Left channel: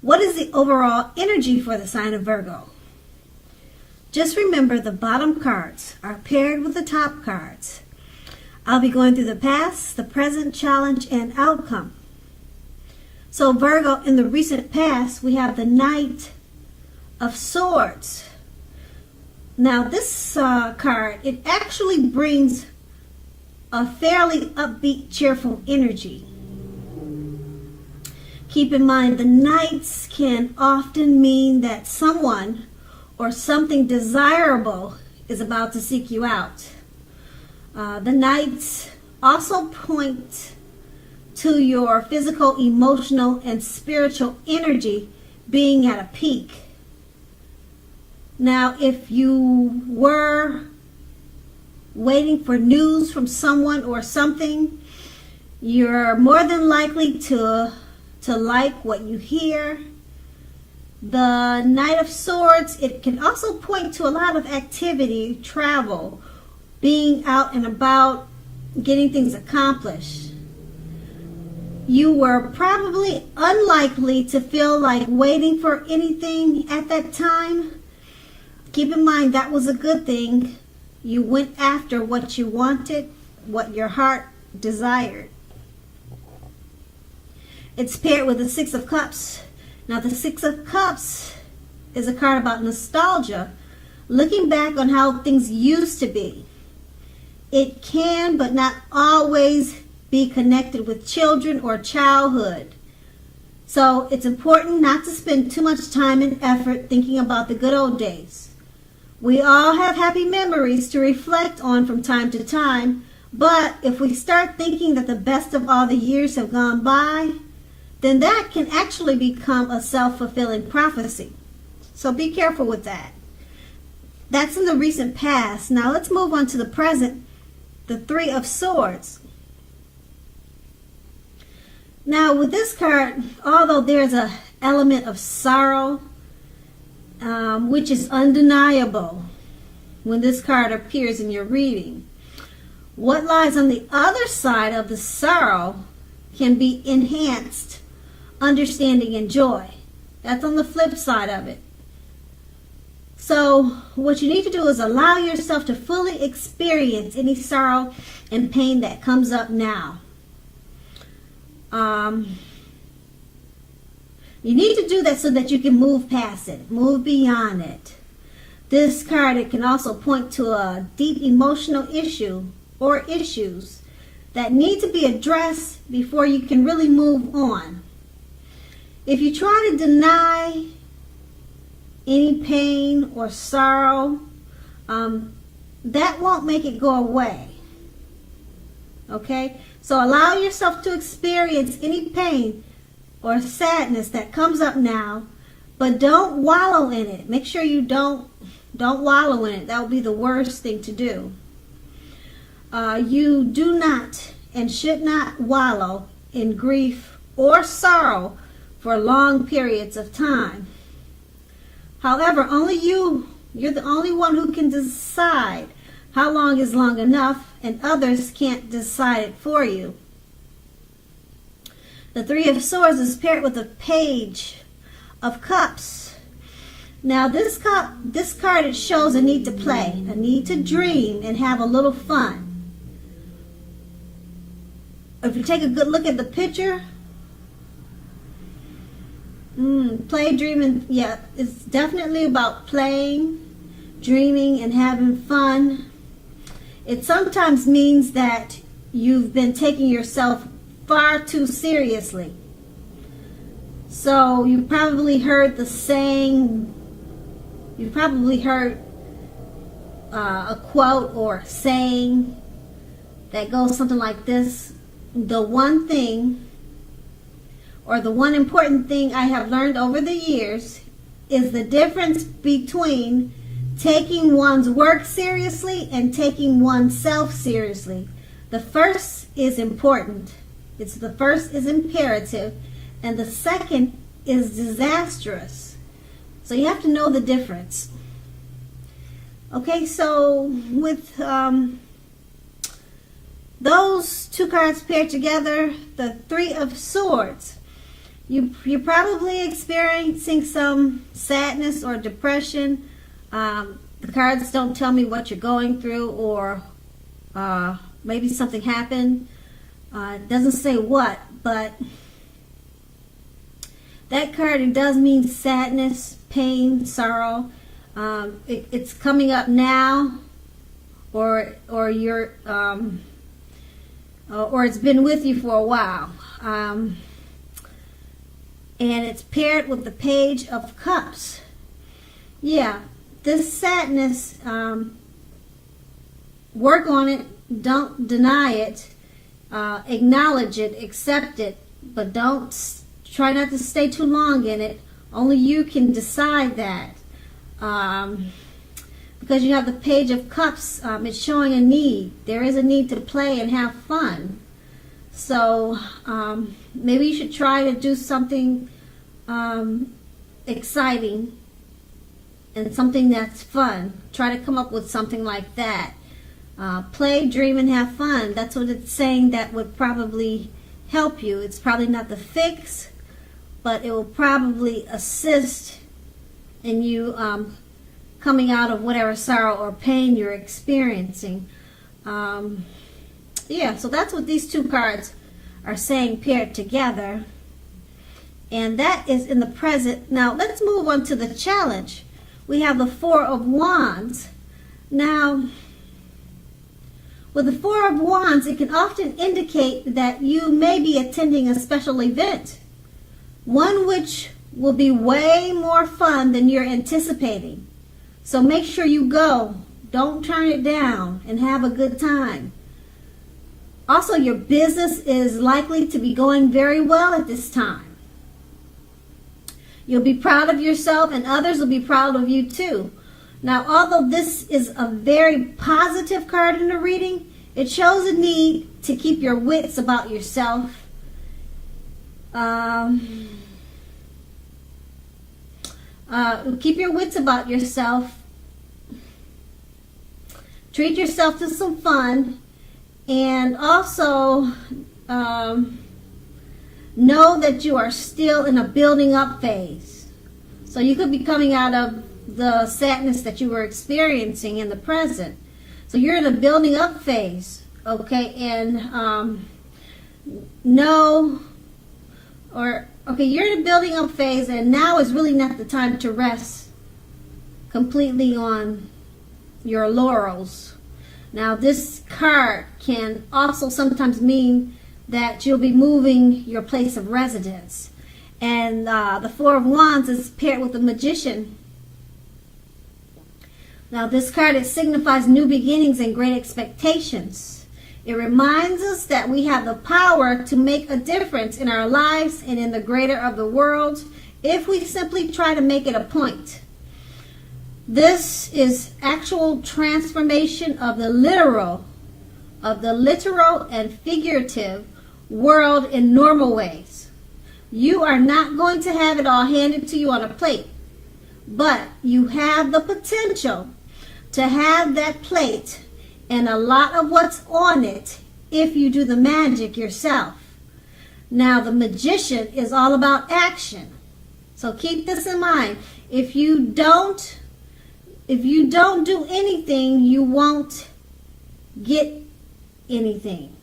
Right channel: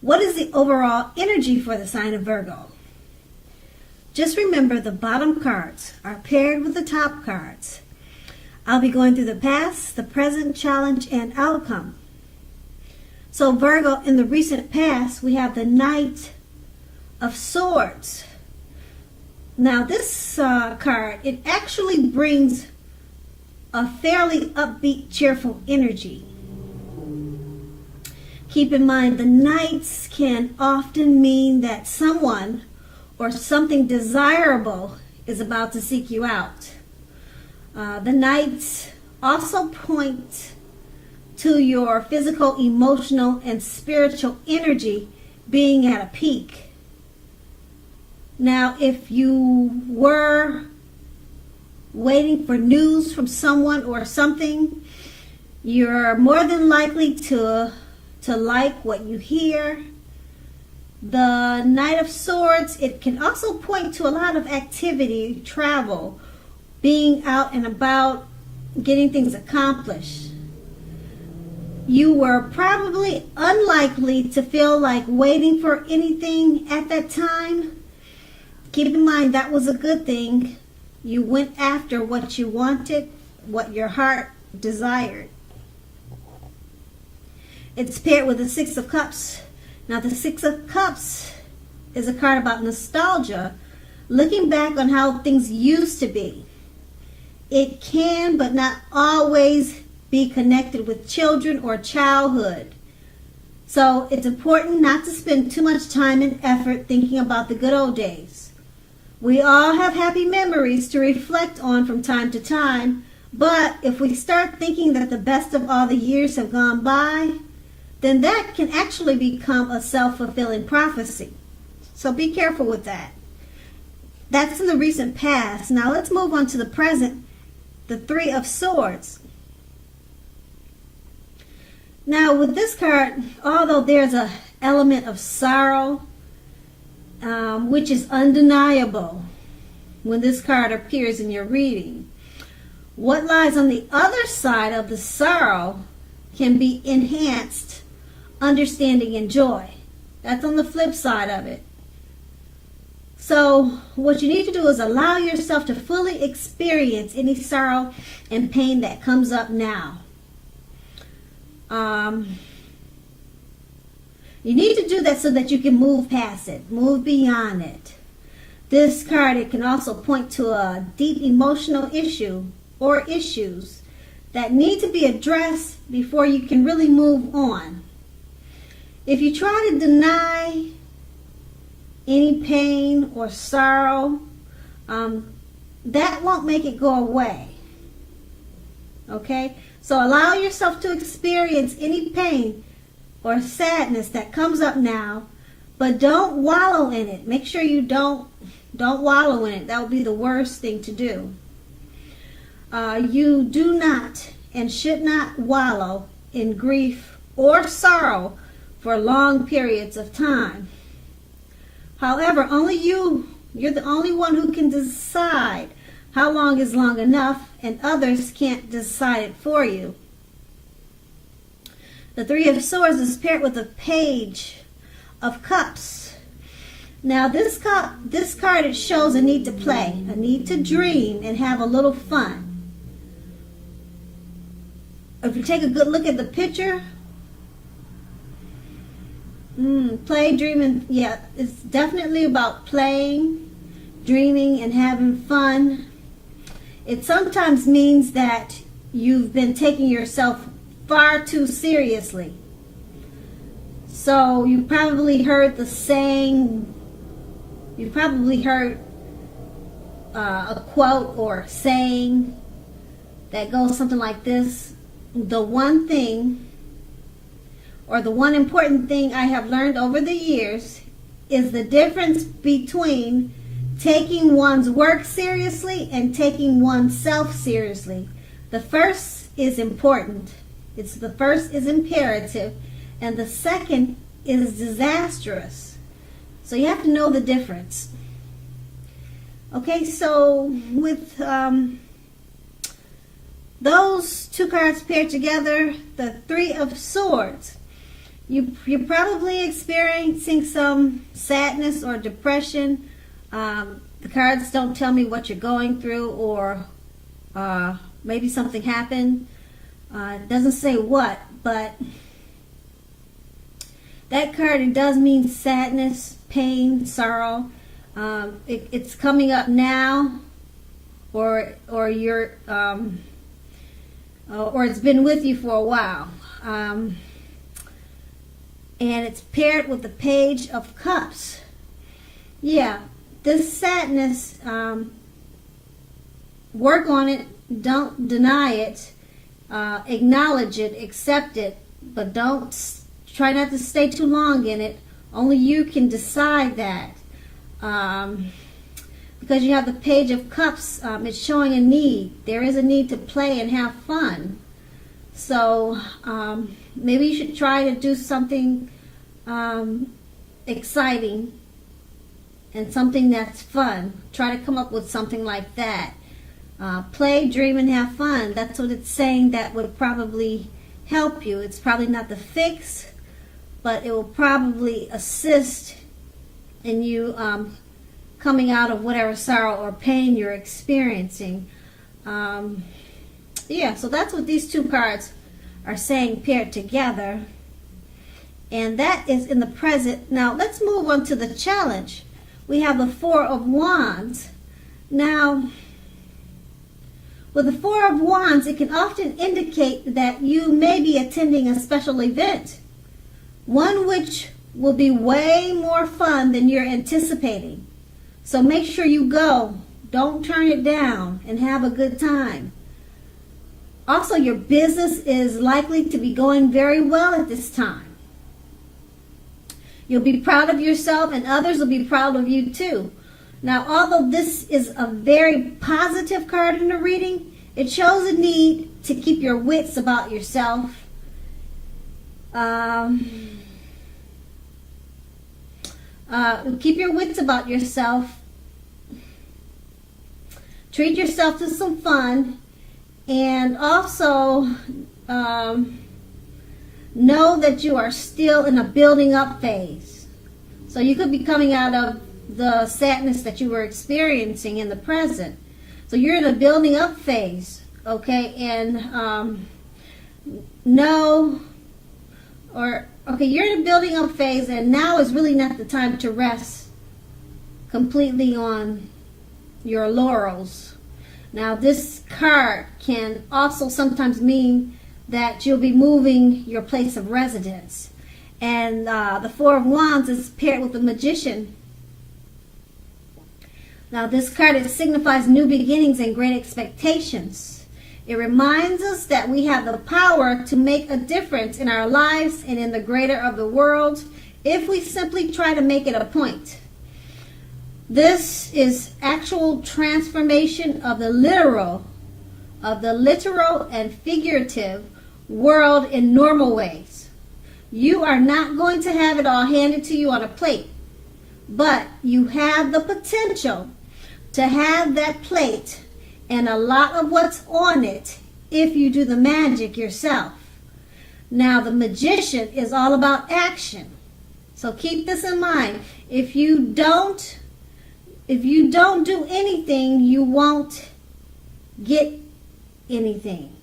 What is the overall energy for the sign of Virgo? Just remember the bottom cards are paired with the top cards. I'll be going through the past, the present, challenge, and outcome. So Virgo, in the recent past, we have the Knight of Swords. Now this card, it actually brings a fairly upbeat, cheerful energy. Keep in mind, the Knights can often mean that someone or something desirable is about to seek you out. The Knights also point to your physical, emotional, and spiritual energy being at a peak. Now, if you were waiting for news from someone or something, you're more than likely to like what you hear. The Knight of Swords, it can also point to a lot of activity, travel, being out and about, getting things accomplished. You were probably unlikely to feel like waiting for anything at that time. Keep in mind that was a good thing. You went after what you wanted, what your heart desired. It's paired with the Six of Cups. Now the Six of Cups is a card about nostalgia, looking back on how things used to be. It can, but not always, be connected with children or childhood. So it's important not to spend too much time and effort thinking about the good old days. We all have happy memories to reflect on from time to time, but if we start thinking that the best of all the years have gone by, then that can actually become a self-fulfilling prophecy. So be careful with that. That's in the recent past. Now let's move on to the present, the Three of Swords. Now with this card, although there's an element of sorrow, which is undeniable when this card appears in your reading, what lies on the other side of the sorrow can be enhanced understanding and joy. That's on the flip side of it. So what you need to do is allow yourself to fully experience any sorrow and pain that comes up now. You need to do that so that you can move past it, move beyond it. This card, it can also point to a deep emotional issue or issues that need to be addressed before you can really move on. If you try to deny any pain or sorrow, that won't make it go away. Okay? So allow yourself to experience any pain or sadness that comes up now, but don't wallow in it. Make sure you don't wallow in it. That would be the worst thing to do. You do not and should not wallow in grief or sorrow for long periods of time. However, only you're the only one who can decide how long is long enough, and others can't decide it for you. The Three of Swords is paired with a Page of Cups. Now this card, it shows a need to play, a need to dream and have a little fun. If you take a good look at the picture, play, dreaming, yeah, it's definitely about playing, dreaming, and having fun. It sometimes means that you've been taking yourself far too seriously. So you probably heard the saying, you probably heard a quote or a saying that goes something like this: the one thing, or the one important thing I have learned over the years is the difference between taking one's work seriously and taking oneself seriously. The first is important. The first is imperative, and the second is disastrous. So you have to know the difference. Okay, so with those two cards paired together, the Three of Swords, you probably experienced experiencing some sadness or depression. The cards don't tell me what you're going through, or maybe something happened. It doesn't say what, but that card, it does mean sadness, pain, sorrow. It's coming up now, or you're or it's been with you for a while. And it's paired with the Page of Cups. Yeah, this sadness, work on it, don't deny it, acknowledge it, accept it, but don't try not to stay too long in it. Only you can decide that. Because you have the Page of Cups, it's showing a need. There is a need to play and have fun. So maybe you should try to do something exciting and something that's fun. Try to come up with something like that. Play, dream, and have fun. That's what it's saying that would probably help you. It's probably not the fix, but it will probably assist in you coming out of whatever sorrow or pain you're experiencing. Yeah, so that's what these two cards are saying paired together. And that is in the present. Now, let's move on to the challenge. We have the Four of Wands. Now, with the Four of Wands, it can often indicate that you may be attending a special event, one which will be way more fun than you're anticipating. So make sure you go. Don't turn it down, and have a good time. Also, your business is likely to be going very well at this time. You'll be proud of yourself, and others will be proud of you too. Now, although this is a very positive card in the reading, it shows a need to keep your wits about yourself. Keep your wits about yourself. Treat yourself to some fun. And also, know that you are still in a building up phase. So you could be coming out of the sadness that you were experiencing in the present. So you're in a building up phase, okay? And you're in a building up phase, and now is really not the time to rest completely on your laurels. Now, this card can also sometimes mean that you'll be moving your place of residence. And the Four of Wands is paired with the Magician. Now, this card signifies new beginnings and great expectations. It reminds us that we have the power to make a difference in our lives and in the greater of the world if we simply try to make it a point. This is actual transformation of the literal and figurative world in normal ways. You are not going to have it all handed to you on a plate, but you have the potential to have that plate and a lot of what's on it if you do the magic yourself. Now, the Magician is all about action. So keep this in mind. If you don't do anything, you won't get anything.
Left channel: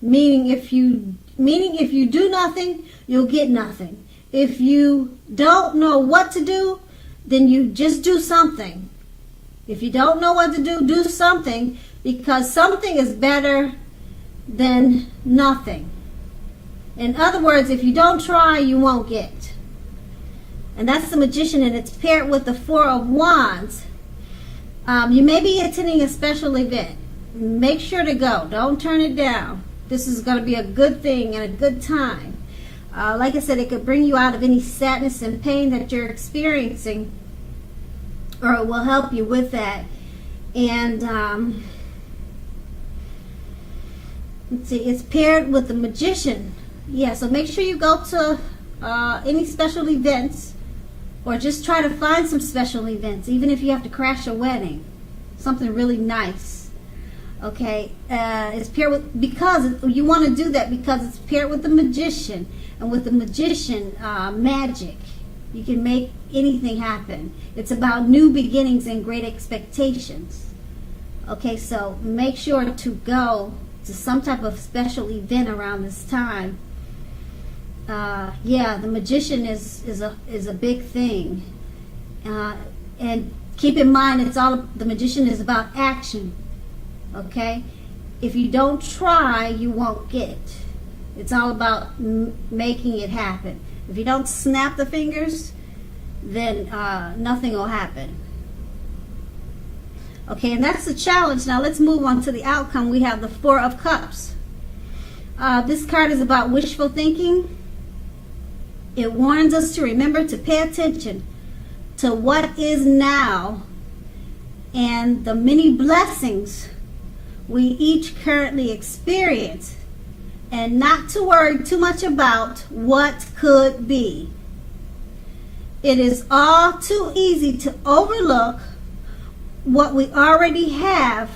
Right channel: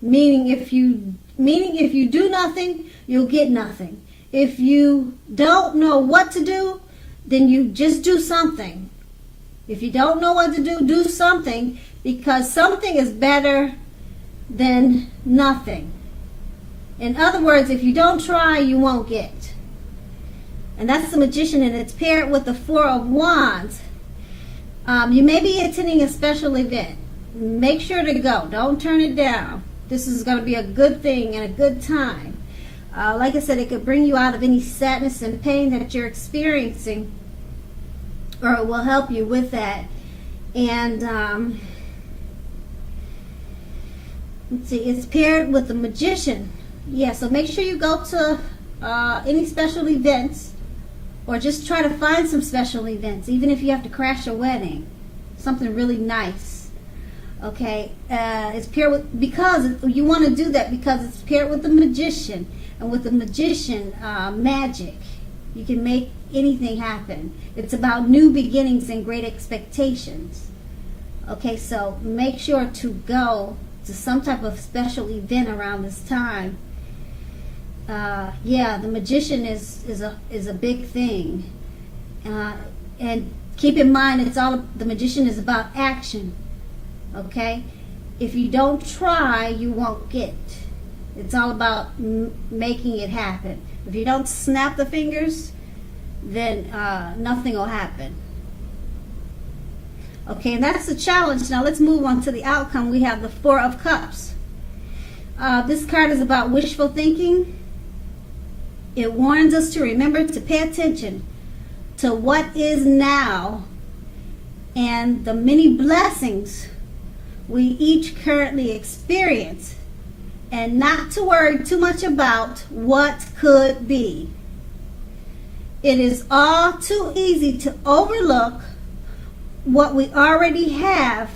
Meaning if you do nothing, you'll get nothing. If you don't know what to do, then you just do something. If you don't know what to do, do something, because something is better than nothing. In other words, if you don't try, you won't get. And that's the Magician, and it's paired with the Four of Wands. You may be attending a special event. Make sure to go. Don't turn it down. This is going to be a good thing and a good time. Like I said, it can bring you out of any sadness and pain that you're experiencing, or it will help you with that. And let's see, it's paired with the Magician. Yeah, so make sure you go to any special events, or just try to find some special events, even if you have to crash a wedding, something really nice. Okay, it's paired with, because you want to do that because it's paired with the Magician, and with the Magician, magic You can make anything happen. It's about new beginnings and great expectations. Okay, so make sure to go to some type of special event around this time. Yeah, the Magician is a big thing. And keep in mind, the Magician is about action. Okay? If you don't try, you won't get it. It's all about making it happen. If you don't snap the fingers, then nothing will happen. Okay, and that's the challenge. Now let's move on to the outcome. We have the Four of Cups. This card is about wishful thinking. It warns us to remember to pay attention to what is now and the many blessings we each currently experience, and not to worry too much about what could be. It is all too easy to overlook what we already have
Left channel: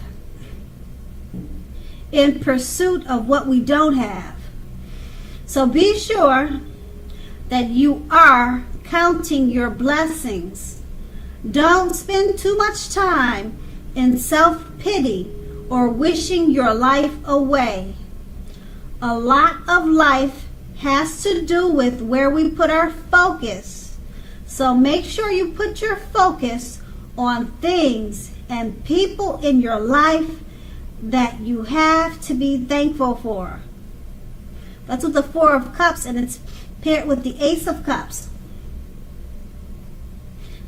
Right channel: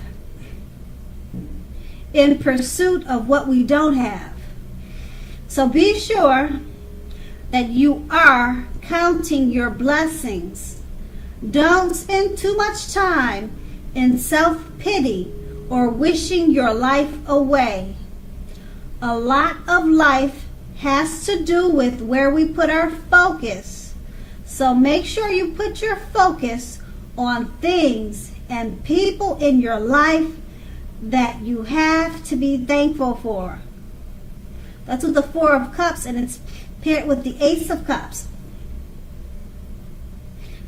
in pursuit of what we don't have. So be sure that you are counting your blessings. Don't spend too much time in self-pity or wishing your life away. A lot of life has to do with where we put our focus. So make sure you put your focus on things and people in your life that you have to be thankful for. That's what the Four of Cups, and it's paired with the Ace of Cups.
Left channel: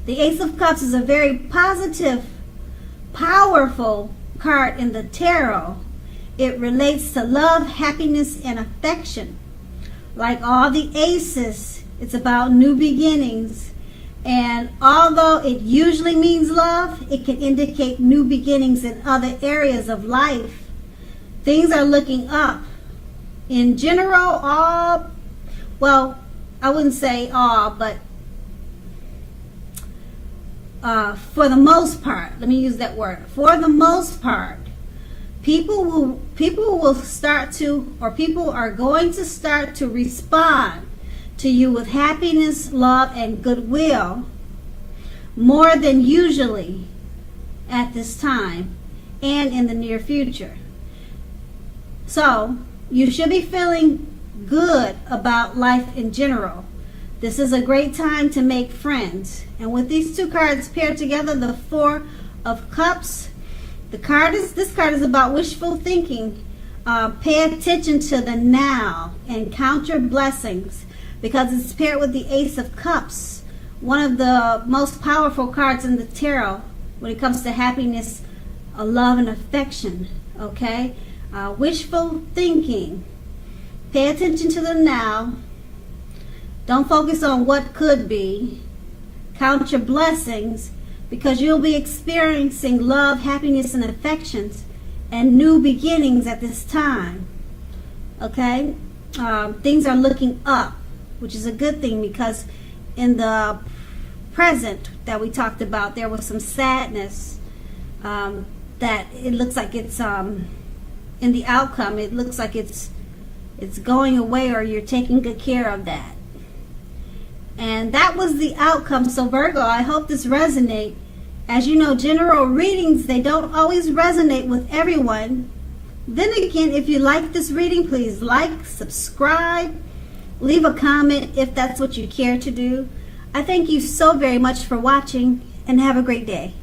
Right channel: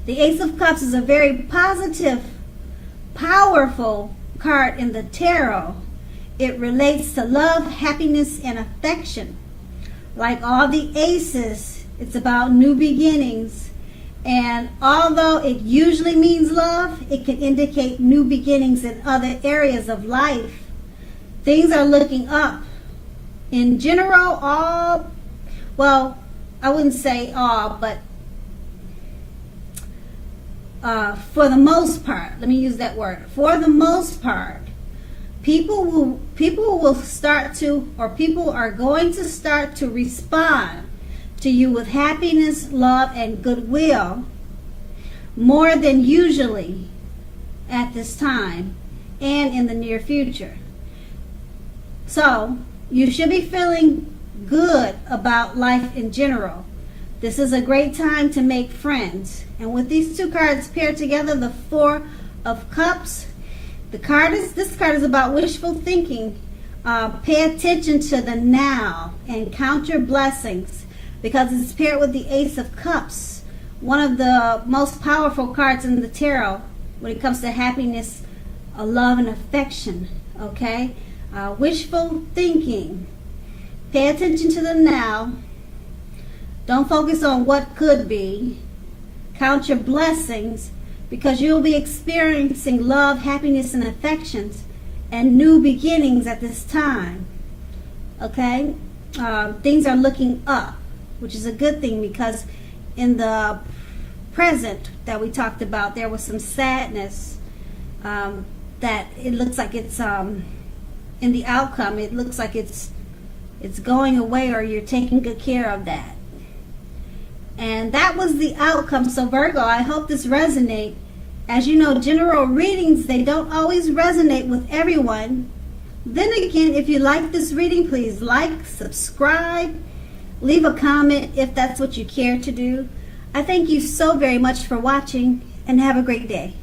The Ace of Cups is a very positive, powerful card in the tarot. It relates to love, happiness, and affection. Like all the aces, it's about new beginnings. And although it usually means love, it can indicate new beginnings in other areas of life. Things are looking up. In general, well, I wouldn't say all, but for the most part, let me use that word. For the most part, people will start to, or people are going to start to respond to you with happiness, love, and goodwill more than usually at this time and in the near future. So you should be feeling good about life in general. This is a great time to make friends. And with these two cards paired together, the Four of Cups, this card is about wishful thinking. Pay attention to the now and count your blessings, because it's paired with the Ace of Cups, one of the most powerful cards in the tarot when it comes to happiness, love, and affection. Okay? Wishful thinking. Pay attention to the now. Don't focus on what could be. Count your blessings, because you'll be experiencing love, happiness, and affections and new beginnings at this time. Okay? Things are looking up, which is a good thing, because in the present that we talked about, there was some sadness that it looks like it's in the outcome. It looks like it's going away, or you're taking good care of that. And that was the outcome. So Virgo, I hope this resonates. As you know, general readings, they don't always resonate with everyone. Then again, if you like this reading, please like, subscribe, leave a comment if that's what you care to do. I thank you so very much for watching, and have a great day.